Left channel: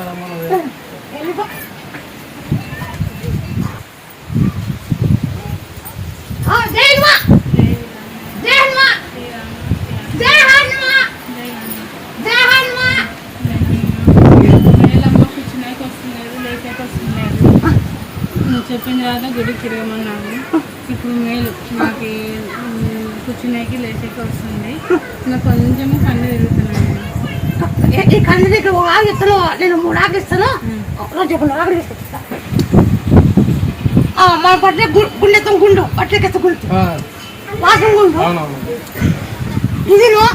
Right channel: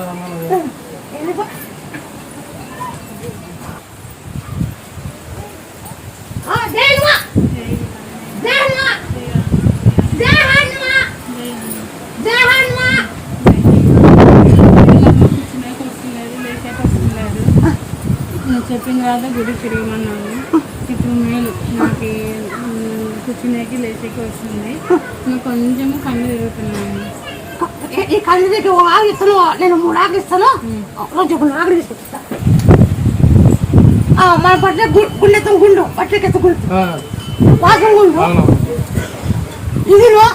కదమ్మా నువ్వు? నువ్వు చెప్పిన తర్వాత గుడికి తిరగమన్నావు. ఇప్పుడు మేలు. నాకు కూర్చునేకి లేచాక వస్తుంది. ఇంకా కొంచెం కన్ను తిరుగుతున్నాను. ఈ- కళ్ళు నీకు ఒక ఆకు ఇస్తాను నేను మూడు ఆకులు ఇస్తాను. రోజు ఇప్పుడు ఆకులు తీసుకొస్తా మన పట్ల గుండెతో గుండు పట్లకెత్త గుండు. వాసం గుండు. ఇది నువ్వు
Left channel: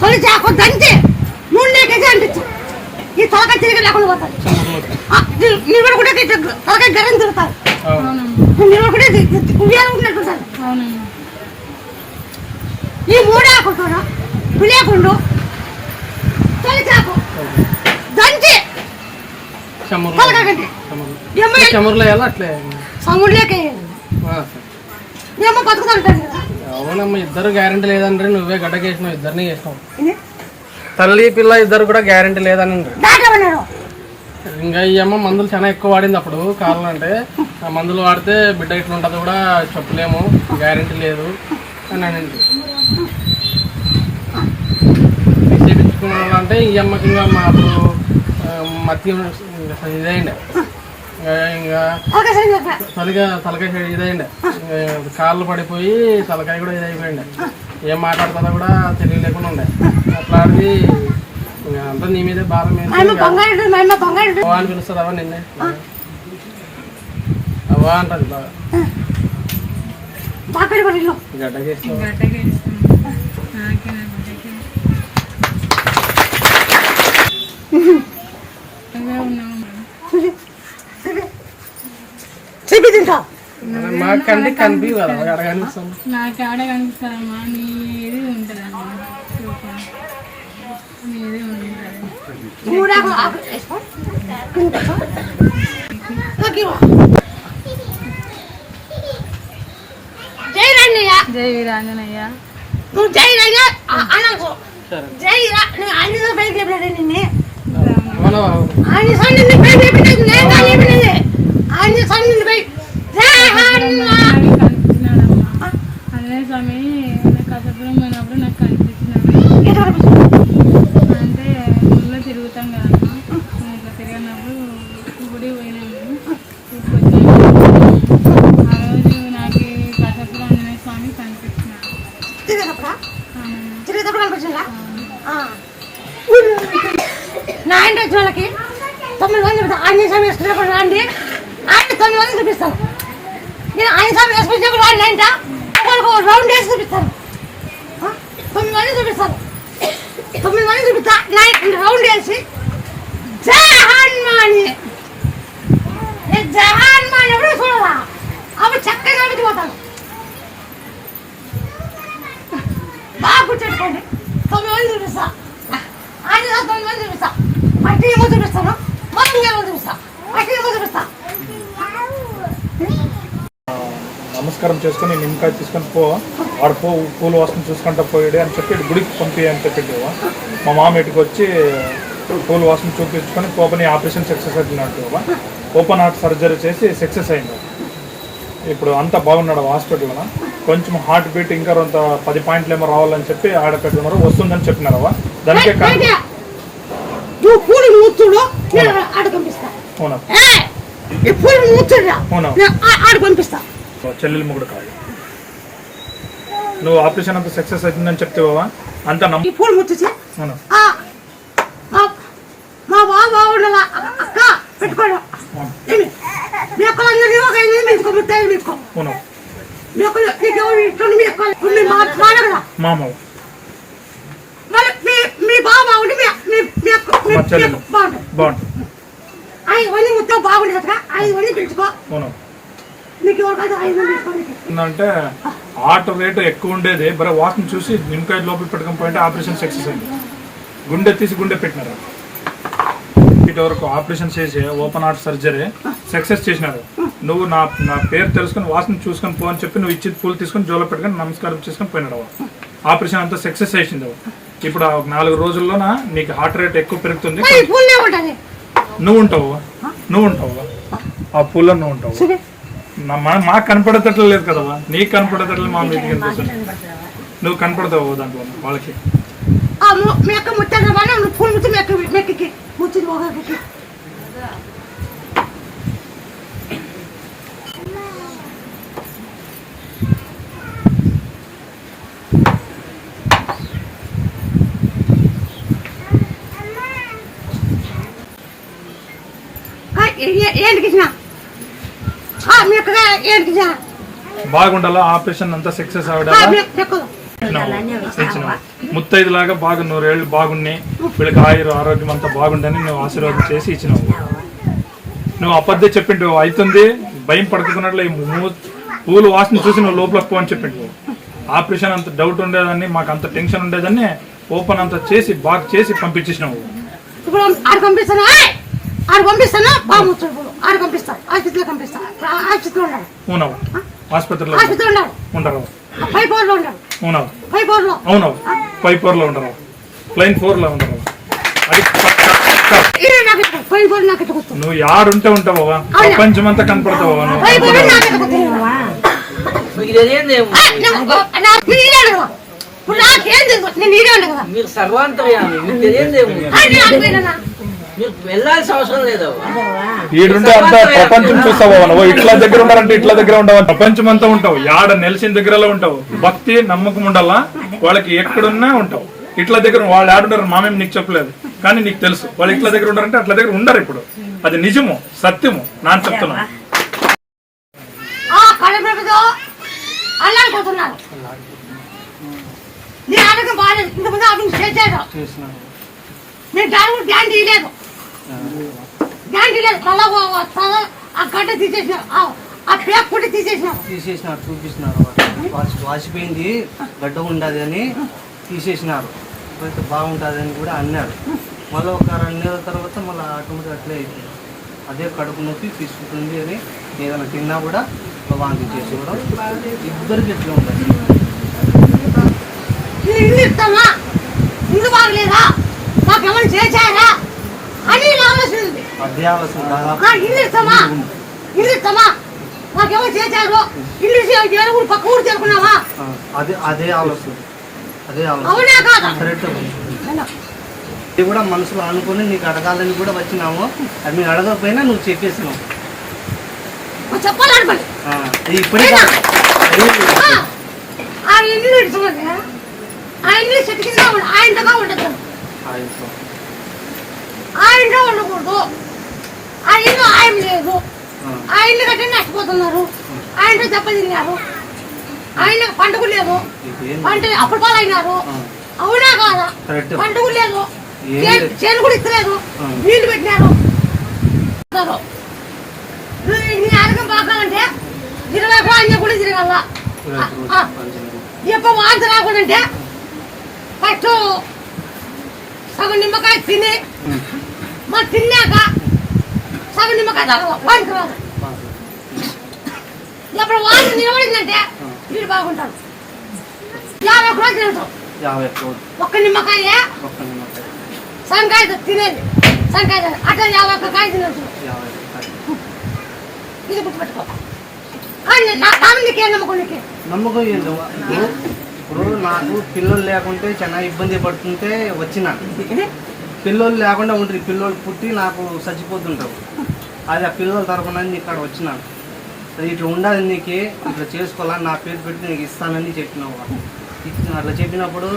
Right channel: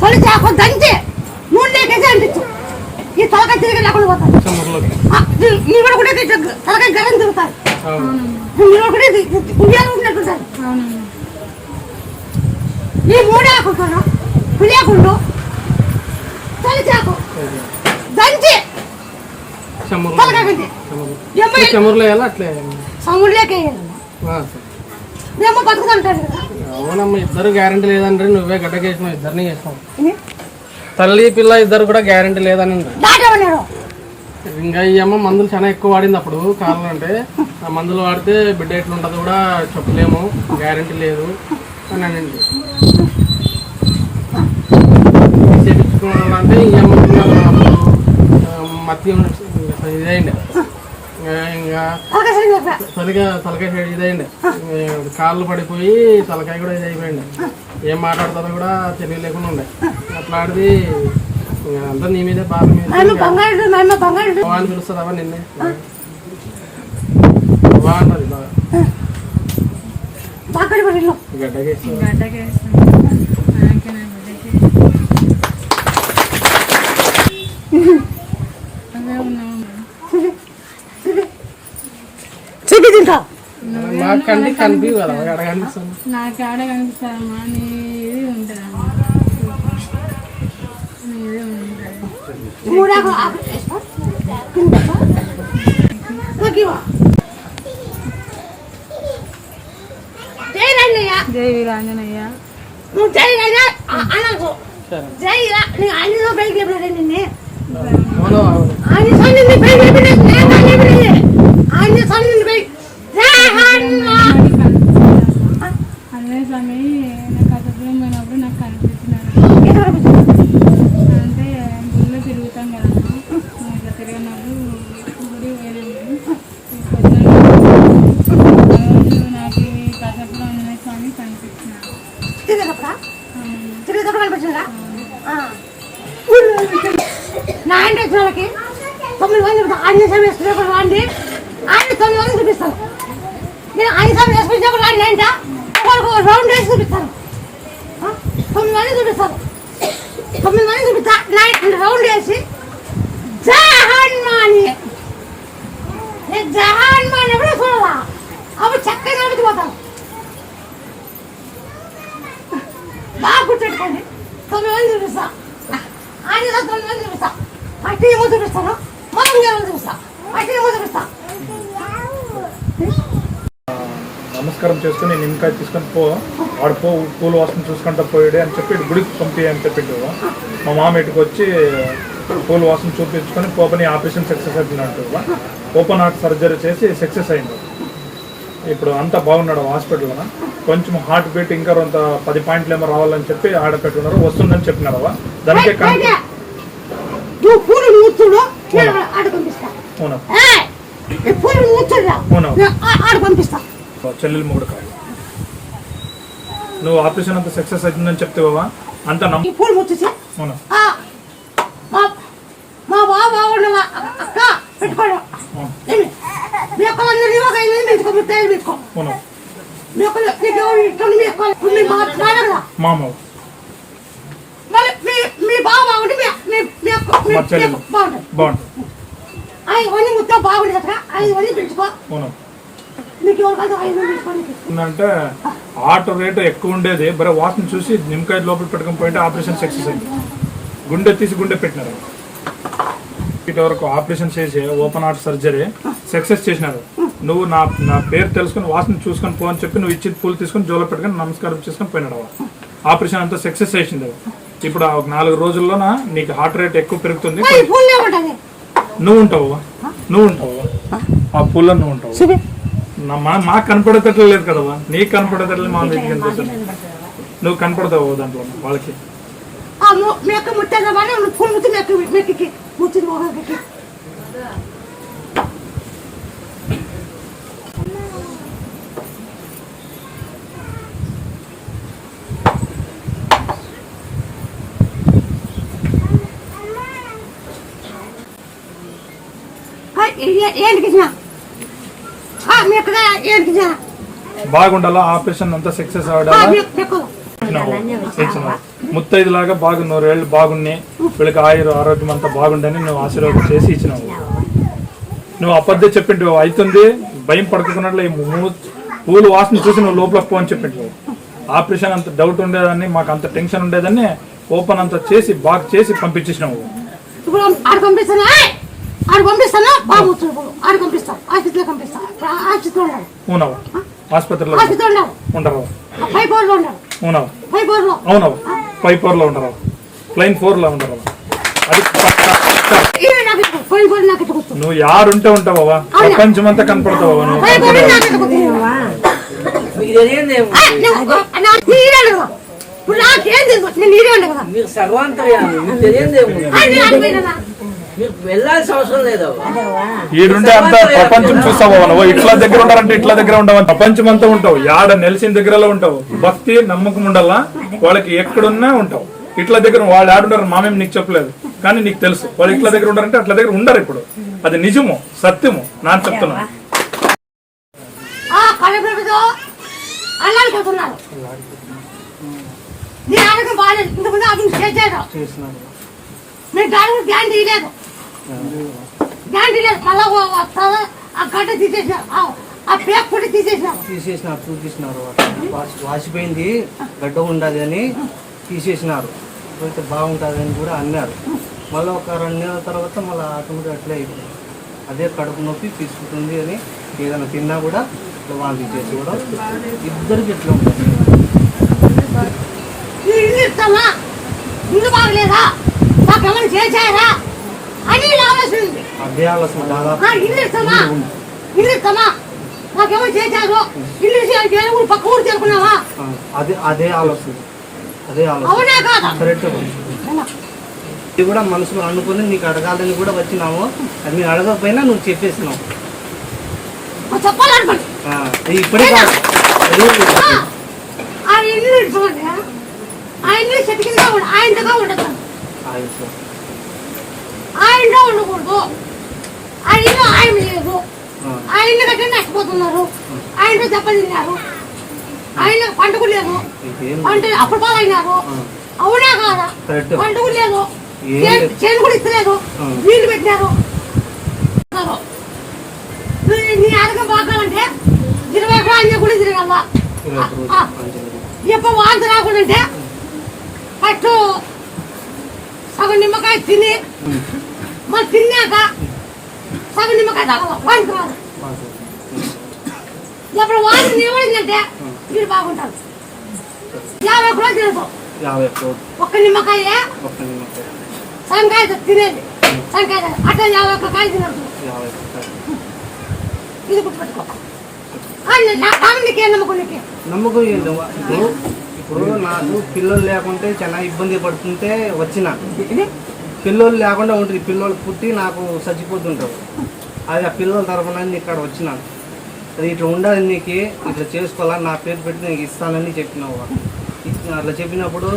తొలి చాకు దంచి నూనె లేకేసి అనిపించు ఈ తలకాయ తిరిగి లేకుండా పోతాయి. చెమ్మర్లోకి. ఆ, నీ- నీ కూడా తలకాయ గరం తిరుగుతాయి. అవును అవునమ్మా. నీ కూడా ఉయ్యాలనుకున్నట్టుంటారు ఈ మూడే ఆకుంటాను పులియకుండు చెమ్మర్లో వేయాలా? అట్లే. అవునమ్మా ఇద్దరు గ్యారంటీ లేదండ్రి నువ్వే గడ్డకేసినావు ఇద్దరిని చేసినావు తల్లి పిల్ల ఇద్దరు కూడా గ్యారంటీ లేదని ఇంకా ఈ అమ్మ మందులు చాలా ఎక్కువ వాడింది అప్పుడు కావాలంటే ఆ మందులు వాడితే బిడ్డ ఎట్లా ఉంటుంది కూడా చెప్పలేము గ్యారంటీ లేదు అని అనింది చేపించుకోవాలంటే ఈ అమ్మకి ఇంకా అప్పుడు ఆ, మత్తి ఇదైంది. ఇంకా తొలిగా తలకాయ ఇదైంది. ఇంకా కాళ్ళు పడిపోయి తలకాయ కూడా ఇదైపోయింది. ఏం మాట్లాడుతుందో కూడా తెలియలేకుండా ఉండే. అట్లాంటిది ఇంకా అంతా నీ మీదే బాధ మీద అని పిలుస్తుందవా నిన్నే? అవ్వా అంటది బాగా. బాకడి కూడా ఇల్లు గడ్డ చేసి గడ్డకి వేస్తాను నాకే నా బిడ్డకి అవే ఉన్నాము చెప్పి తింటా. మాకు కంటికి కనిపి కదా అక్కడ కనిపిస్తుంది. నాకు ఆడ కనిపిస్తారమ్మా నీది ఉంటుందమ్మా నీది ఉంటుంది. జై వీరాంజనయ్య నువ్వు జై రంగ అనకు. జై రా నేను అన్ని పైకి లేపినదే నిన్నే. అవును అవును. అన్ని సన్ని నీ పైకి లేపినది. కానీ లేపినది అదే స్వామి నాకు కథపురం పోయినప్పుడు నాకు కనిపించినాడు? అంటే గుళ్ళో తిరుగుతాం కదమ్మా నేను ఇట్లా తిరిగినప్పుడు గుడి పోయినాము రోజు నాకు కథపురం ఆంజనేయ స్వామి కనిపించినాడు. తిరిగేటప్పుడు? కనిపించిందా? అవును. వచ్చిన వాళ్ళకి తొమ్మిది మంది ఆంజనేయ స్వామి వేసుకునేప్పుడు రాండి. ఆయన తొమ్మిది మంది చూపిస్తాను. నేను ఆయన స్వామి వేసుకునేప్పుడు రాండి అంట ఒకరికి ఒక రౌండ్ వేసి చూపిస్తాను. తొమ్మిది మంది చూపిస్తాను. తొమ్మిది మంది చూపిస్తా. నా రౌండ్ వేసి. జహాన్మాని నేను జహాన్మాని ఎవరు చూడదా అప్పుడు చక్కగా పోతాను బాగా గుర్తుపెట్టుకోండి. తొమ్మిది మంది చూపిస్తా. ఆయన తొమ్మిది మంది చూపిస్తా. మట్టి ఏమో చూపిస్తాను. మనం ఏమో చూపిస్తా. మట్టి ఏమో చూపిస్తా. నమస్కారం చేసుకుని నిమ్మకాయ తీసుకొని పో. వాడు పో పూలు వాసన చూసుకుంటా పోయాడు అని చెప్పి గుడికి పంపి అని చెప్పిండు మా మామ ఇటుకు వచ్చి పూలు వాసన చూపించుకొని పోపని ఆపరేషన్ సక్సెస్ అయినట్టు ఓపెన్ హార్ట్ సర్జరీ చేసి సక్సెస్ అయింది. ఇప్పుడు అంతా బాగున్నాడు హాస్పిటల్లో కొంచెం హార్ట్ బీట్ ఇంకా కొంత పది పాయింట్లు ఏమో రావాలని చెప్పి ఆడ పెట్టుకున్నారు వస్తుందని చెప్పినారు దానికే కానీ బయట నువ్వు పూలు మూర్చుడు నేను ఆడ పంపిస్తా. ఆడ పంపిస్తా. చెల్లెలు మొగుడు కాదు. నువ్వు ఆపరేషన్ అంతా సక్సెస్ అవుతుందని చెప్తావా అంతా ఆ, మా అక్క. ఏమి? మీ అక్కలందరూ నీ ఒక ముట్టాయి మీ అక్కలు ఇట్లా అక్కలు? మామ మరి మీ మీ బావ బాగుండి మీ మీ మీ అక్క బాగుంటుంది. బాగుంటుంది. బాగుండదు మీకు ఎవరు కాదు ఆటో రేటు ఎక్కువ ఉండేది. బరే వాకింగ్ చూసి నిమ్మకాయ లోపల పెట్టుకొని పోయింటే ఆపరేషన్ సక్సెస్ అయింది. గుండె తీసి గుండె పెట్టినారు. ఇటు వరకు ఆపరేషన్ చేసి ఓపెన్ హార్ట్ సర్జరీ సక్సెస్ చేసినారు. నువ్వు నా నా పేరు తెలుసుకొని వాసన చూసుకొని పో అని చెప్పి నువ్వు ఇచ్చి పూలు తీసుకొని జోలో పెట్టుకొని నమస్కారం చేసుకొని పోయినాడు. ఆపరేషన్ అంతా సక్సెస్ చేసింది. ఇప్పుడు ఆ ఒక నాలుగు రోజుల్లోన నీకు హార్ట్ రేట్ ఎక్కువ పెరుగుతుంది? పూలే నువ్వు ఉంటావు? నువ్వు ఉంటావు? ఆ. పూల్లో నువ్వు ఉంటావు? మాకు కనపడేటట్లు లేదు కదవా నీకు కనపడేటట్లు మా మీకు కనిపిస్తుంది నువ్వు కనపడతావు దాంట్లో వాళ్ళకి? బాగుండాలా? ఆపరేషన్ అంతా సక్సెస్ అవడాలా ఇచ్చినావు ముత్తైదులాగా బాగా నూరేళ్ళు బాగున్నాయి వీళ్ళకి ఆయుర ఆరోగ్యం అంతా బాగుండని నువ్వు ఆశీర్వాదం చేసి ఇచ్చినావు. నువ్వు అబద్ధం చెప్పిండు అవుతుంది. భయం పడుకున్నట్లు పూలు వాసన చూసి నువ్వు లోపలికి పో అని చెప్పిండు. ఆపరేషన్ అంత డౌట్ ఉండేదాన్ని మాకు అంత టెన్షన్ ఉండేదాన్ని ఓపెన్ అంతా చేసి బాగా చేసి పంపించేసినావు. ఆడు పంపిస్తాను? ఏయ్! ఆడు పంపిస్తాను బాబు ఆడు పంపిస్తాను ఆసుపత్రిలో పంపిస్తాను ఆసుపత్రిలో ఉండాలి. అవునవు ఆసుపత్రిలో ఆసుపత్రిలో ఉండరు. పై బోర్డులో ఉండాలి. అవునవు పై బోర్డులో అవునవు ఫైవ్ ఫోర్లో ఉండరు. ప్లైన్ ఫోర్లో ఉండరు. అది పై. నువ్వు యారుంటే ఉంటావా ప్రపంచం అంతా కనపడతావా నువ్వు. పై ఈడుంటే అంత ప్రపంచం చూస్తావా నువ్వు? ఇట్లా దగ్గర ఉండాలంటే ఇట్లా దగ్గర ఉండవు ప్రపంచం అంతా ఉంటావు. యాడ నెలిసిన దగ్గరలో ఉంటావు. భక్తి నమ్మకం ఉండాలా? వాళ్ళకి ఎక్కడున్నా ఉంటావు. ఇట్లా దగ్గర వాళ్ళు ఆడుంటారు మామేం నీకు చెప్పలేదు. కానీ నీకు తెలుసు. వాళ్ళు ఇట్లా దగ్గర ఉండారంటే అట్లా దగ్గర ఉండరు ఇప్పుడు. అది నిజము సత్యము. చెప్తున్నాను నీ ఆరోగ్యం బాగాలేదు ఇంతకుముందు చేశాడు నేను దాని గ్యారంటీ లేదు గ్యారంటీ తల ఆ గడ్డ తీసేసినారు ఆ- కూడా తీసేసినారు తీసేసినారు చూపిస్తున్నారు వాళ్ళు. వాసి వాసిపోయింది గడ్డ ఉండదు అని తీసేసినారు. అయితే బాగుంటుంది అని కూడా అన్నారు. మళ్ళీ ఒక రెండు నెలల తర్వాత మళ్ళీ ఆటోమేటిక్ అట్లే అయిపోయింది. అదే కడుపు నొప్పి తీసుకుంటుంది అని ఏదైనా తిన్నా కూడా వాంతి చేసి కూడా ఇద్దరికి ఎట్లా ఉంటుంది నీ ఇల్లు ఇస్తామా ఇల్లు బాగలేదా? మాకు చేశారా? అని ఇలా ఆలోచించింది అదే ఆలోచన దాదాపు ఇల్లు ఇస్తామా? ఇల్లు ఇస్తామా? చేశారు. ఇల్లు ఊరు పక్క ఊరు చేరుకున్నావా? అదే అదే ఆలోచన. అదే ఆలోచన. అవునా కాదా? కరెక్ట్ అవునా. ఇది కూడా మనసులో అనుకుని నీకు అడగాలని కూడా వచ్చినాము. అది నేను అడగకపోయినా నువ్వు చెప్పేసినావు మరి చెప్పాలనుకోండి. ఇప్పుడే కాదు. ఆ, ఇల్లు ఇడుచుకోండి ఆ ఇల్లు చెట్టు కింద ఉండ ఆయనగా ఉండదు ఆ ఇంట్లో ఇంట్లో ఉండకూడదు. ఆ ఇల్లు ఆయన లేదు ఆ. ఇల్లు కట్టి నష్టపోతున్నారు. ఆ ఇంట్లో చెప్పలు తిన్నారు. ఆయన పండుగ లేదు. అంటే అప్పుడు పాలు అయినారు ఆ. అవునా కాదా? పండుగ లేదు. చేను- కూడా ఇస్తలేదు. నీళ్ళు పెట్టినారు. నీ- ఆరోగ్యం బాగాలంటే ఇరవై ఆయన కూడా తిరగల. ఎప్పుడు వాంతి రాకుండా ఫస్ట్ సగం నిమ్మకాయ తిని. మరి తిన్నాక సగం నిమ్మకాయ వాంతి రాదు. ఎప్పుడు వాంతి నిలబడిందంటే వీడు బాగుంటాడు. యాభై కూడా తినదు యాభై ఒక్క రోజు ఒక్క నిమ్మకాయ. సంకాయ తినేది. సంకాయ అట్లా యాభై ఒక్క కాయ తినదు. ఇది గుర్తుపెట్టుకో. నమ్మకం ఇప్పుడు ఇప్పుడు నాకు పిల్లలు లేకుంటే చాలా ఇబ్బంది పడుతుంటే వచ్చినాను పిల్లలు లేకుండా ఉంటుంది పిల్లలు పుట్టి నాకు చచ్చిపోతుంటావు అది ఆ పిల్లల తరఫున ఇక్కడ వచ్చినాను. అది ఇట్లా ఉండాలి నీకు ఇట్లా చేసుకోవాలని నా పేరు పెట్టి నీకు ఇస్తానని చెప్పినావు అట్లా చెప్పినప్పుడు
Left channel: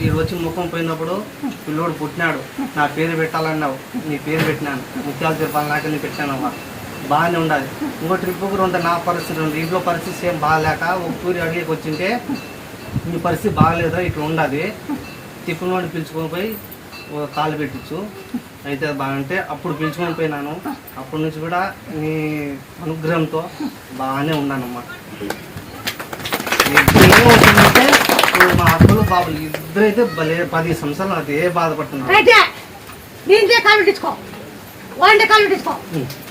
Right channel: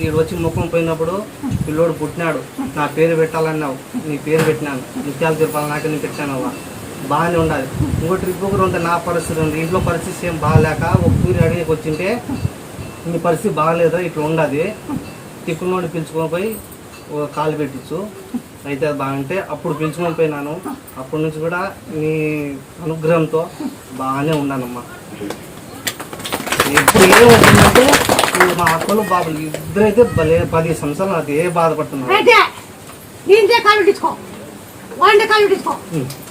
ఇక్కడ వచ్చి ముఖం పోయినప్పుడు పిల్లోడు పుట్టినాడు. నా పేరు పెట్టాలన్నావు నీ పేరు పెట్టినాను. ముత్యాలు తిరుపాలి నాకే పెట్టాను అవ్వ. బాగానే ఉండాలి. ఇంకో ట్రిప్ కూడా ఉంటే నా పరిస్థితి ఉంది. ఇంట్లో పరిస్థితి సేమ్ బాగాలేక ఒక తూరి అడిగేకి వచ్చింటే నీ పరిస్థితి బాగాలేదు ఇట్లా ఉండదు టిఫిన్ నుండి పిలుచుకొని పోయి కాలు పెట్టించు అయితే అది బాగుంటే అప్పుడు పిలుచుకొని పోయినాను అప్పటి నుంచి కూడా నీ అనుగ్రహంతో బాగానే ఉన్నానమ్మా. ఎప్పుడు ఏమవుతుందంటే ఇప్పుడు మా అక్కలు బాబు ఇద్దరైతే భలే పది సంవత్సరాలు అదే బాధపడుతున్నారు. అయితే నీ ఇంటే కాలు పెట్టించుకో. కాలు పెట్టించుకో.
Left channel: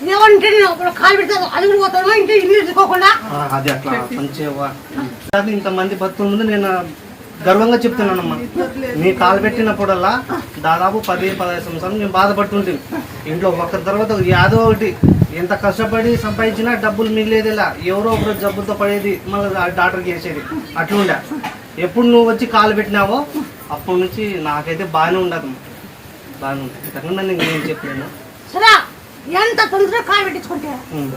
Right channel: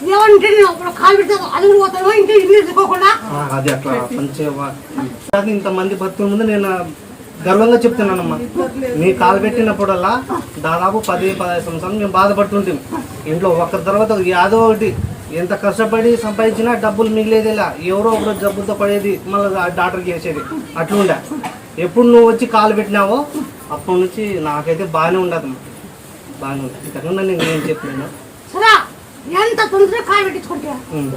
ఏమంటే ఇప్పుడు కాలు పెడతారు అది కూడా పోతాను. ఇంటి ఇల్లు తీసుకోకుండా. ఆ, అది అట్లా మంచిగా ఇంతమంది భక్తుల ముందు నేను గర్వంగా చెప్తున్నానమ్మా. మీ కాలు పెట్టినప్పుడల్లా దాదాపు పది పదహైదు సంవత్సరాలు మేము బాధపడుతుంటాం. ఇంట్లో ఒక తర్వాత యాదో ఒకటి. ఎంత కష్టపడి సంపాదించినా డబ్బులు మిగిలేది ఇలా ఎవరో ఒకరు జబ్బులతో పడేది మళ్ళీ డాక్టర్కి వేసేది అట్లుండే. ఎప్పుడు నువ్వు వచ్చి కాలు పెట్టినావో అప్పటి నుంచి నాకైతే బాగానే ఉండదమ్మా. బాగానే ఉంటుంది. ఇంతకన్నా నేను ఏం చెప్పలేను. సరే ఎంత తొందరగా కాలు పెట్టించుకుంటే? ఉమ్.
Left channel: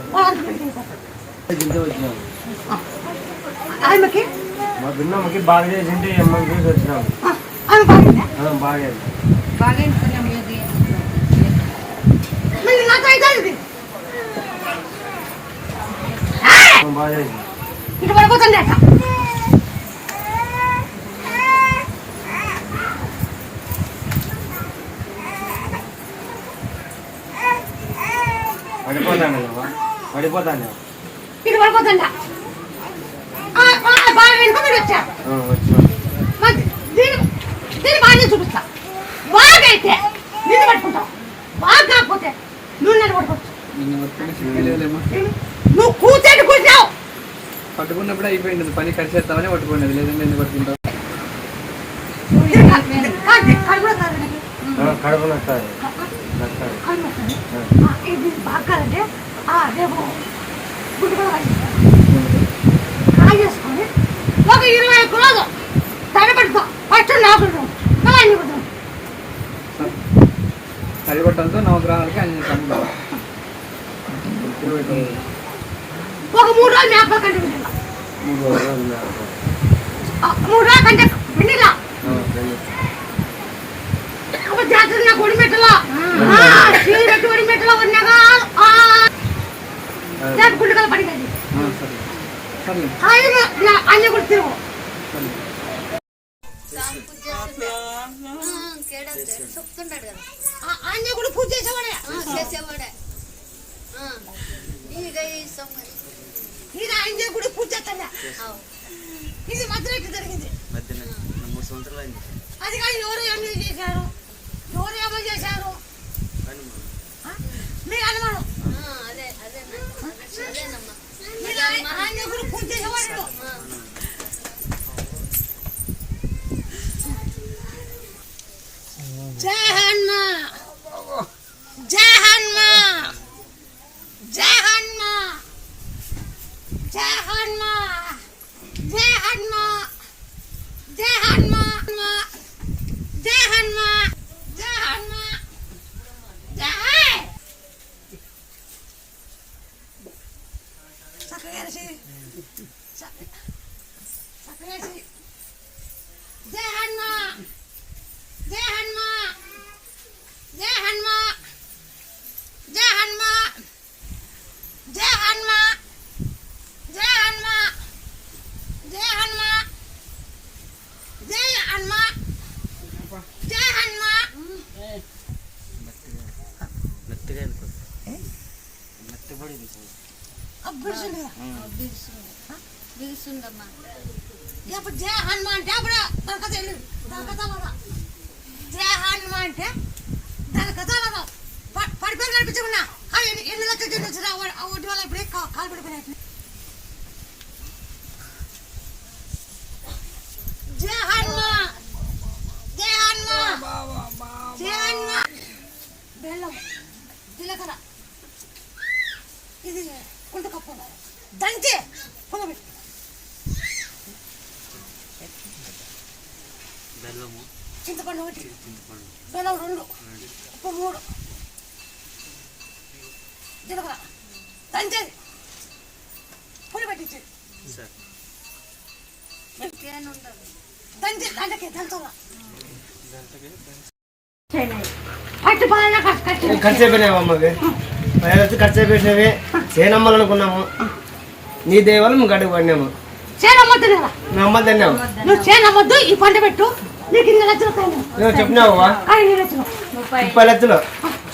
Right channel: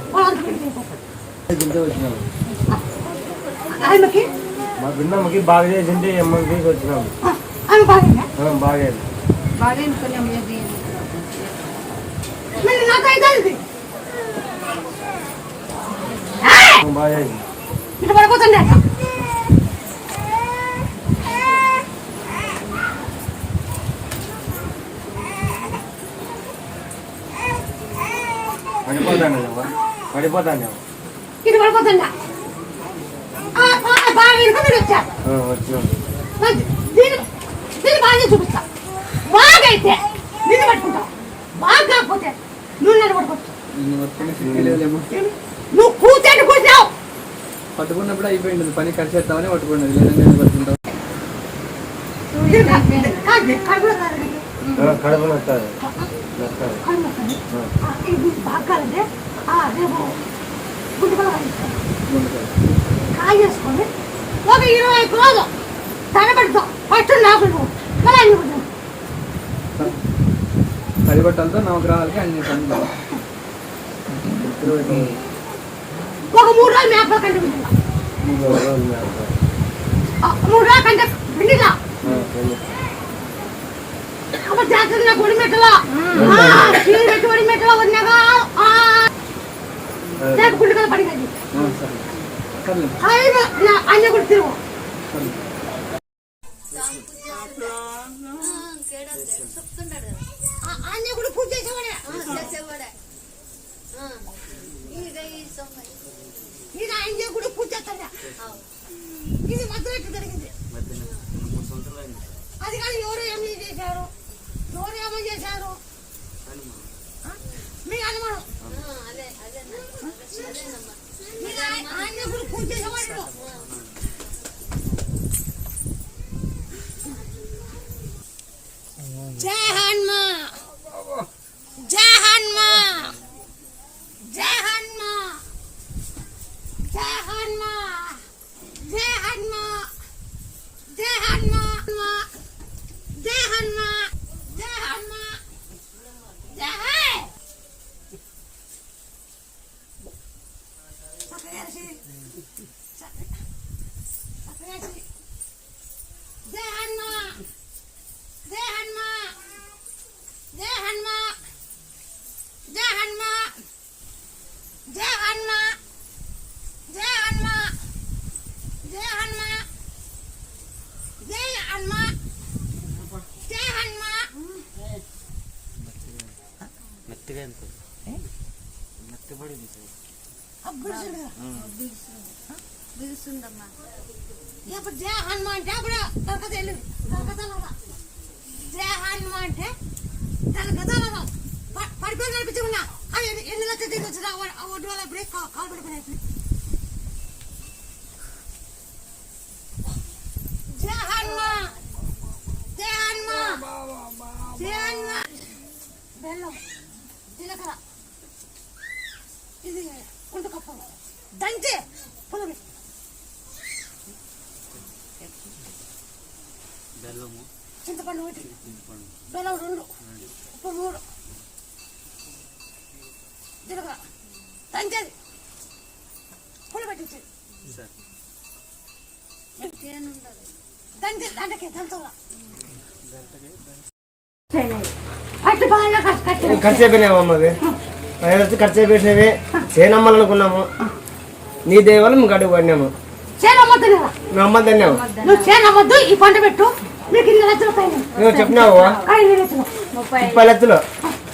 మా దున్నమ్మకి బాగా చేసింటే అమ్మని చూసి వచ్చినాము బాగా బాగా ఇక్కడ పడిపోతుంది అక్క పడిపోతాను పడిపోతాను ఇక్కడ పడిపోతుందా దీన్ని బాగానే చూపిస్తా. బాగైతే నిన్ను పట్టుకుంటావు బాగా కాకపోతే నువ్వు నన్ను పట్టుకోవచ్చు. నువ్వు కూర్చొని కూర్చావు పట్టుకున్నప్పుడు అయిపోయింది పని ఖర్చు పట్టుకున్నది. లేదంటే ఎందుకు పట్టుకుంటావు? కడుపు బాగా రేపు గుడ్డు కూడా. కాయ చేసుకొని ఒక ఇరవై ఒక్క రోజు తడబడుకో ఫస్ట్ నాకు నువ్వు మళ్ళీ అన్ని కుదురు తడిబట్టలతో నవగ్రహాలకి అన్ని ఒక మూడు రోజులు మేప కంటే మూడు రోజులు మూడు రోజులు కంటే పిండిలా. అప్పుడు జాగ్రత్తగా గుడి మెట్టలో? చీరెట్టు గుడి మెట్టలో ఉన్నాగా జాగ్రత్త గుడి కదా పడింది అన్ని కూడా తిరుగు అన్ని కూడా పూజ చేసేవాడే చేసేవాడే ఇక ఇది ఆయన గుడి పూజ చేస్తాడా. ఇది మధ్యలో జరిగింది అది కానీ ఎవరు ఏమి చేశారు? ఎవరు ఏమో చేశారు? బిగుస్తుందమ్మా ఇప్పుడు జయ హనుమాన్ అంటే అప్పుడు దొరకదు వెళ్ళు దొరకదా జయ హనుమాన్ అంటే దాని గదాలలో పడిపోయి కనిపించకుండా ఎన్ని లక్షలు వచ్చినా ఒడ్డు వల్ల ఇప్పుడే కాలు పడిపోయినట్లు ఉండకపో దంతే. పొగబెట్టు బెల్లము. చింతపండు ఒకటి. బెల్లం రెండు. ఉప్పు మూడు. జీలకర్ర. దంచేది. పులిపెట్టించేది దంచేది దండకే దంచవా పట్టు పాలన ఖర్చు ఖర్చు చేనమ్మాలనుకున్నాము. నీ దయ వల్ల మేము గడుగు పడినాము తిన్నాము నువ్వు ఈ పంట పెట్టు. ఇన్ని లక్షలు నువ్వు చెప్పినావు? ముప్పై లక్షలు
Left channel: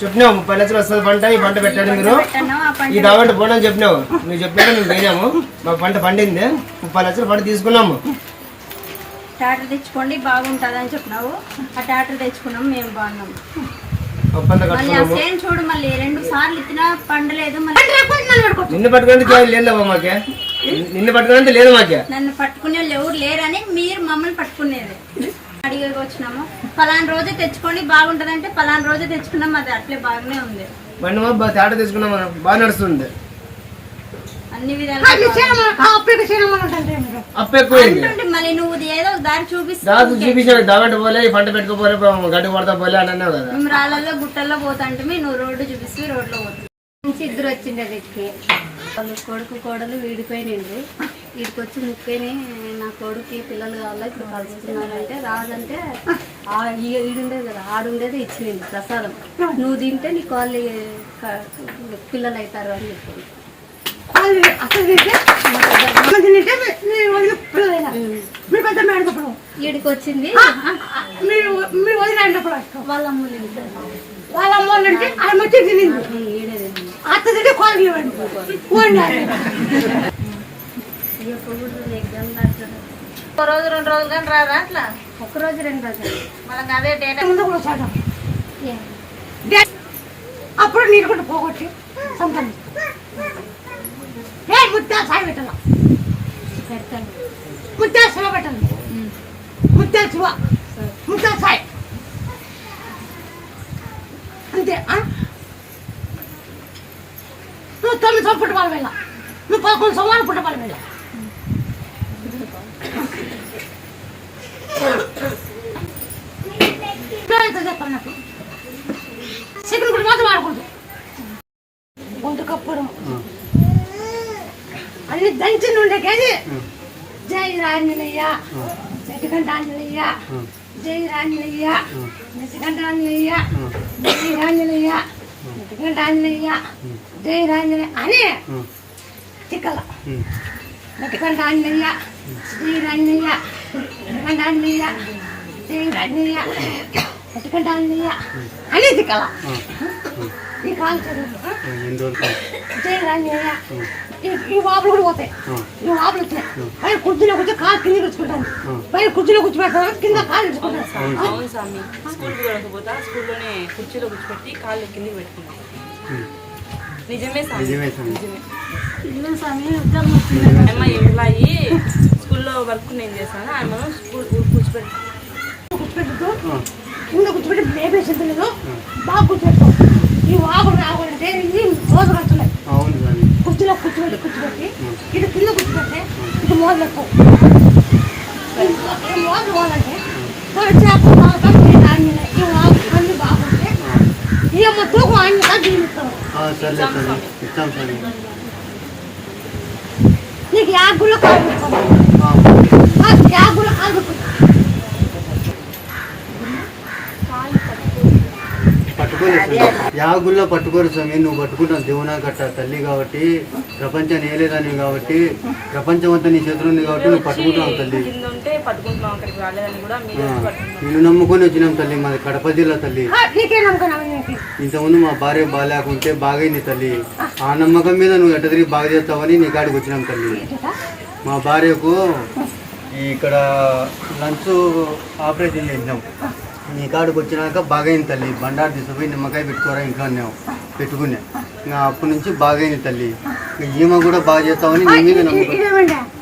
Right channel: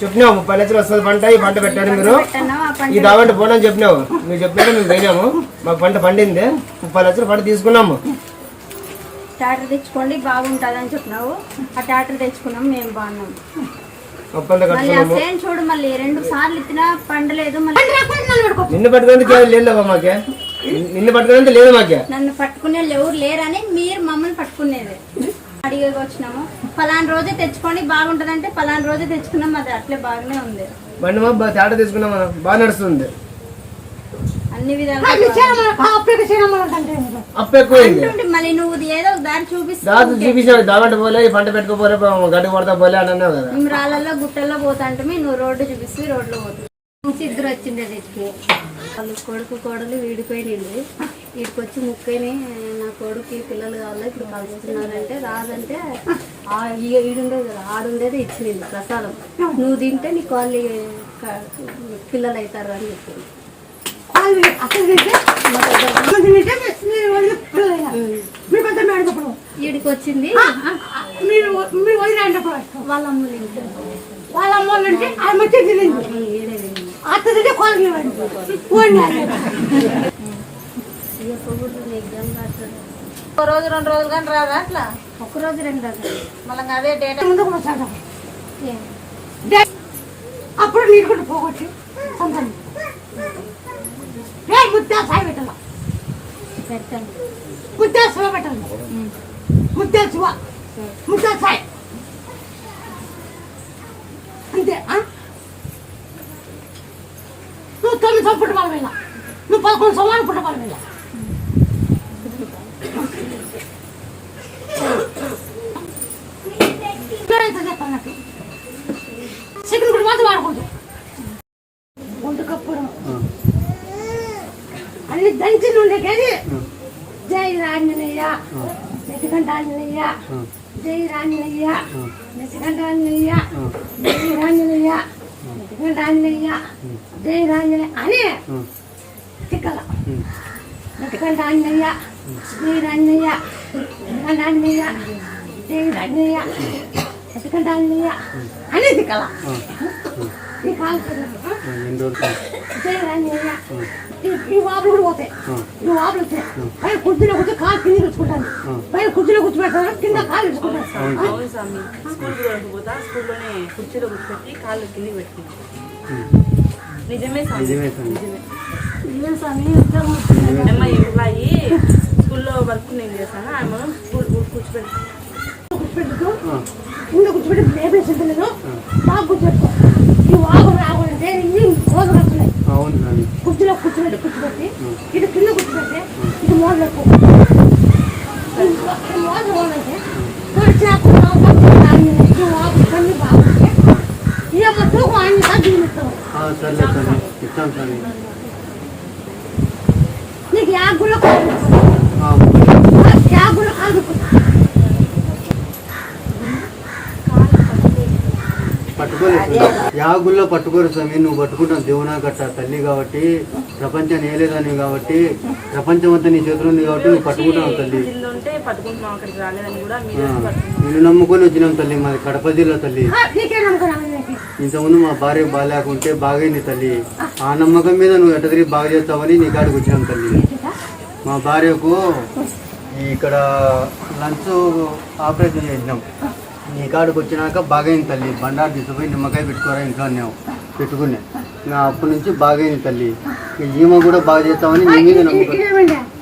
చెప్పినావు ముప్పై లక్షలు వస్తుంది పంట ఈ పంట పెట్టారు మీరు. ఈ దావంటి పోనని చెప్పినావు. నువ్వు చెప్పినాక మేము పోయినాము. మాకు పంట పండింది. ముప్పై లక్షలు పంట తీసుకున్నాము. ట్రాక్టర్ తెచ్చుకోండి బాగుంటుంది అని చెప్పినావు. ఆ ట్రాక్టర్ తెచ్చుకున్నాం మేము బాగున్నాం నిన్ను పట్టుకునే లేదవ్వా మాకే? నిన్ను పట్టుకునేందుకు లేదు మాకే? నన్ను పట్టుకునే ఎవరు లేరని మీరు మమ్మల్ని పట్టుకునేది. అడిగి వచ్చినాము. పలానా రోజే తెచ్చుకొని బాగుంటదంటే పలానా రోజే తెచ్చుకున్నాం అది అట్లే బాగానే ఉంది. బండి మా తేట తెచ్చుకున్నాం మనం. బాగా నడుస్తుంది. అన్ని మీరు అప్పు బాగుంటుంది. మళ్ళీ నువ్వు ఏదో ఒక దారి చూపిస్తే దాదాపు చూపించాడు దావంట పోలే ఈ పంట పెట్టుకోపోలే గడ్డి పడతా పోలే అని అన్నావు కదా. మేము రాళ్ళల్లో గుట్టల్లో పోతాంటే నువ్వు రోడ్డు చూపిస్తే రోడ్లో పోతుంది నుంచి ఇద్దరు వచ్చిండే వీటికి వాళ్ళు కొడుకు కోడలు వీడిపోయినండి వీడికి వచ్చి ముక్కని నా కొడుకు పిల్లలు కావాలా ఇప్పుడు కలుస్తున్నారంటే రాదంటే ఈడుండేది కదా ఆడుండేది ఇచ్చింది ప్రసాదం. నువ్వు తింటే నీ కాళ్ళు పిల్లలు అవుతారు అని చెప్పింది వాళ్ళు అసలు తింటే అసలు తింటే మీరు పెద్ద వీడికి వచ్చింది. మీరు వాళ్ళ అమ్మ వాళ్ళు అంటే ఆయన వచ్చి తింది అత్త తింటే రాస్తారు ఒక రోజు రెండు రోజులు కానీ రాదా అట్లా? ఒక రోజు రెండు రోజులు. మనకి అదే డేట్ ముందు కూడా వచ్చాడు. డే- అప్పుడు నీరు కూడా పోగొట్టి సొంతం ఏ ముద్ద సాయి పెట్టాల పెడతాను ముద్ద శివ పెట్టాలి ముద్ద శివ ముద్ద సాయి అంతే ఆ? నువ్వు తొమ్మిది సంవత్సరం పుట్టబాల వేళ నువ్వు పదకొండు సంవత్సరాలు పుట్టబాల వేళ ఎంత చెప్పాలి నాకు సెకండ్ కూడా మాత్రం వాడకూడదు దంచి ఉండే కానీ జై రాంజనేయ నెటికంట ఆంజనేయ జై రాంజనేయ నెటికంట ఆంజనేయ జై రాంజనేయ నెటికంట ఆంజనేయ జై రాంజనేయ అని తిక్కల నెటికంట ఆంజనేయ జై రాంజనేయ నెటికంట ఆంజనేయ జై రాంజనేయ నెటికంట ఆంజనేయ అని తిక్కల ఈ కాలు వాపులు కూడా పోతాయి. ఈ వాపులు వచ్చాయి. పైన కుర్చీలో కూర్చో కాలు కింద కూర్చుకుంటాను పైన కుర్చీలో కూర్చోబెడతాను కింద కాలు తెచ్చుకుంటాను అవును. స్వామి. స్కూల్ వెళ్ళకపోతా స్కూల్లోనే కుర్చీలో కూర్చోబెట్టి కాళ్ళు కిందకి పెట్టుకున్నాం నిజమే స్వామి. నిజమే స్వామి. ఉద్యోగం అమ్మ ఎంప్లాయి స్కూల్లో వర్క్ నేను చేశాను ఆమె స్కూల్ కూర్చోబెట్టి కూర్చోబెట్టుతూ కింద కూర్చోబెట్టి బాగా కూర్చోబెడతాం ఈ వాపు రావాలంటే ఇది రోజు కట్టలేదు అవును కానీ కుర్చీలో కూర్చోబెట్టి కూర్చోబెట్టి ఇటు కింద కూర్చోబెట్టి ఇటు మోదలు ఎక్కువ ఈ మోదలు పోవాలంటే చాకు ఈ వాపు అన్ని బాగుంటే ఈ అమ్మ తూకం ఆయన జీవిస్తాం సరే సరే ఇస్తాం సరే నీకు యాగుల్లో కాలు పెట్టుకోవాలి యాగుల్లో కాలు పెట్టుకోవాలి పట్టుకోలేదు. యాగుల్లో పట్టుకోరు స్వామి. నువ్వు పట్టుకుంటావు. దేవునా కట్ట తల్లి కాబట్టి ప్రపంచాన్ని ఏలేదాన్ని కాబట్టి ప్రపంచం అంతా నీ చేతిలో ఉంది కాబట్టి నువ్వు పట్టుకుంటావు తల్లి. నిన్ను నమ్ముకొని వచ్చినాం తల్లి. మాది కడప జిల్లా తల్లి. ఇంతకుముందు మా భార్య బాగాలేకుంటే బాగైంది తల్లి. ఆ నమ్మకం మీద నువ్వు ఎట్ట తిరిగి బాగా చేస్తావని నీ కాడికి వచ్చినాం తల్లి. మా భార్యకు ఇక్కడ లంచ్ ఆపరేషన్ చేసినాం. నీ కాడికి వచ్చినాక బాగైంది తల్లి. బండారు తీసుకుపోయి నిమ్మకాయ పెట్టుకోరా ఇంట్లో అన్నావు. పెట్టుకున్నా. నా అప్పటి నుంచి బాగైంది తల్లి. ఈమె కూడా బాగా చేస్తామని నీ మీద నమ్మకం.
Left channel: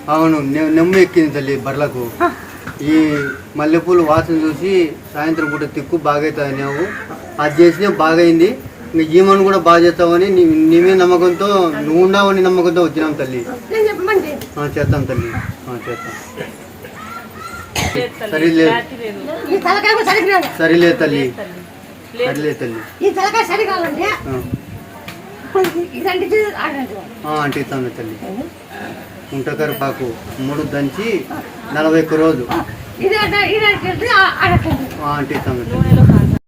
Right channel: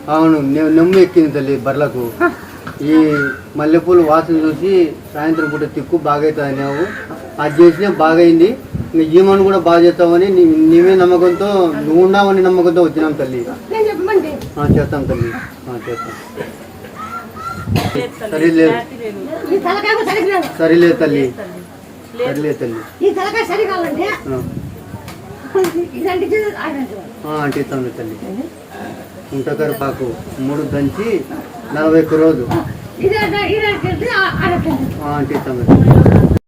అవును నె- నెమ్ము ఎక్కింది తల్లి బర్లకు ఈ మల్లెపూలు వాసన చూసి సాయంత్రం పూట తిక్కు బాగైతుంది అన్నావు. అది చేసినా బాగైంది. ఇంకా ఈమెను కూడా బాగా చేస్తావని నీ నీ మీద నమ్మకంతో నువ్వు ఉన్నావని నమ్మకంతో వచ్చినాం తల్లి. నేను చేస్తాం తల్లి. చేస్తాం. లేదు తల్లి. సరేలే క్లారిటీ లేదు. ఈ తలకాయ కూడా సరిగ్గా రాదు. సరేలే తల్లి. తల్లి. సరేలే తల్లి. ఈ తలకాయ ఇదంటే తల్లి. ఉంటకరిపాకు మూడు దంచి నలభై ఒక్క రోజు. ఇది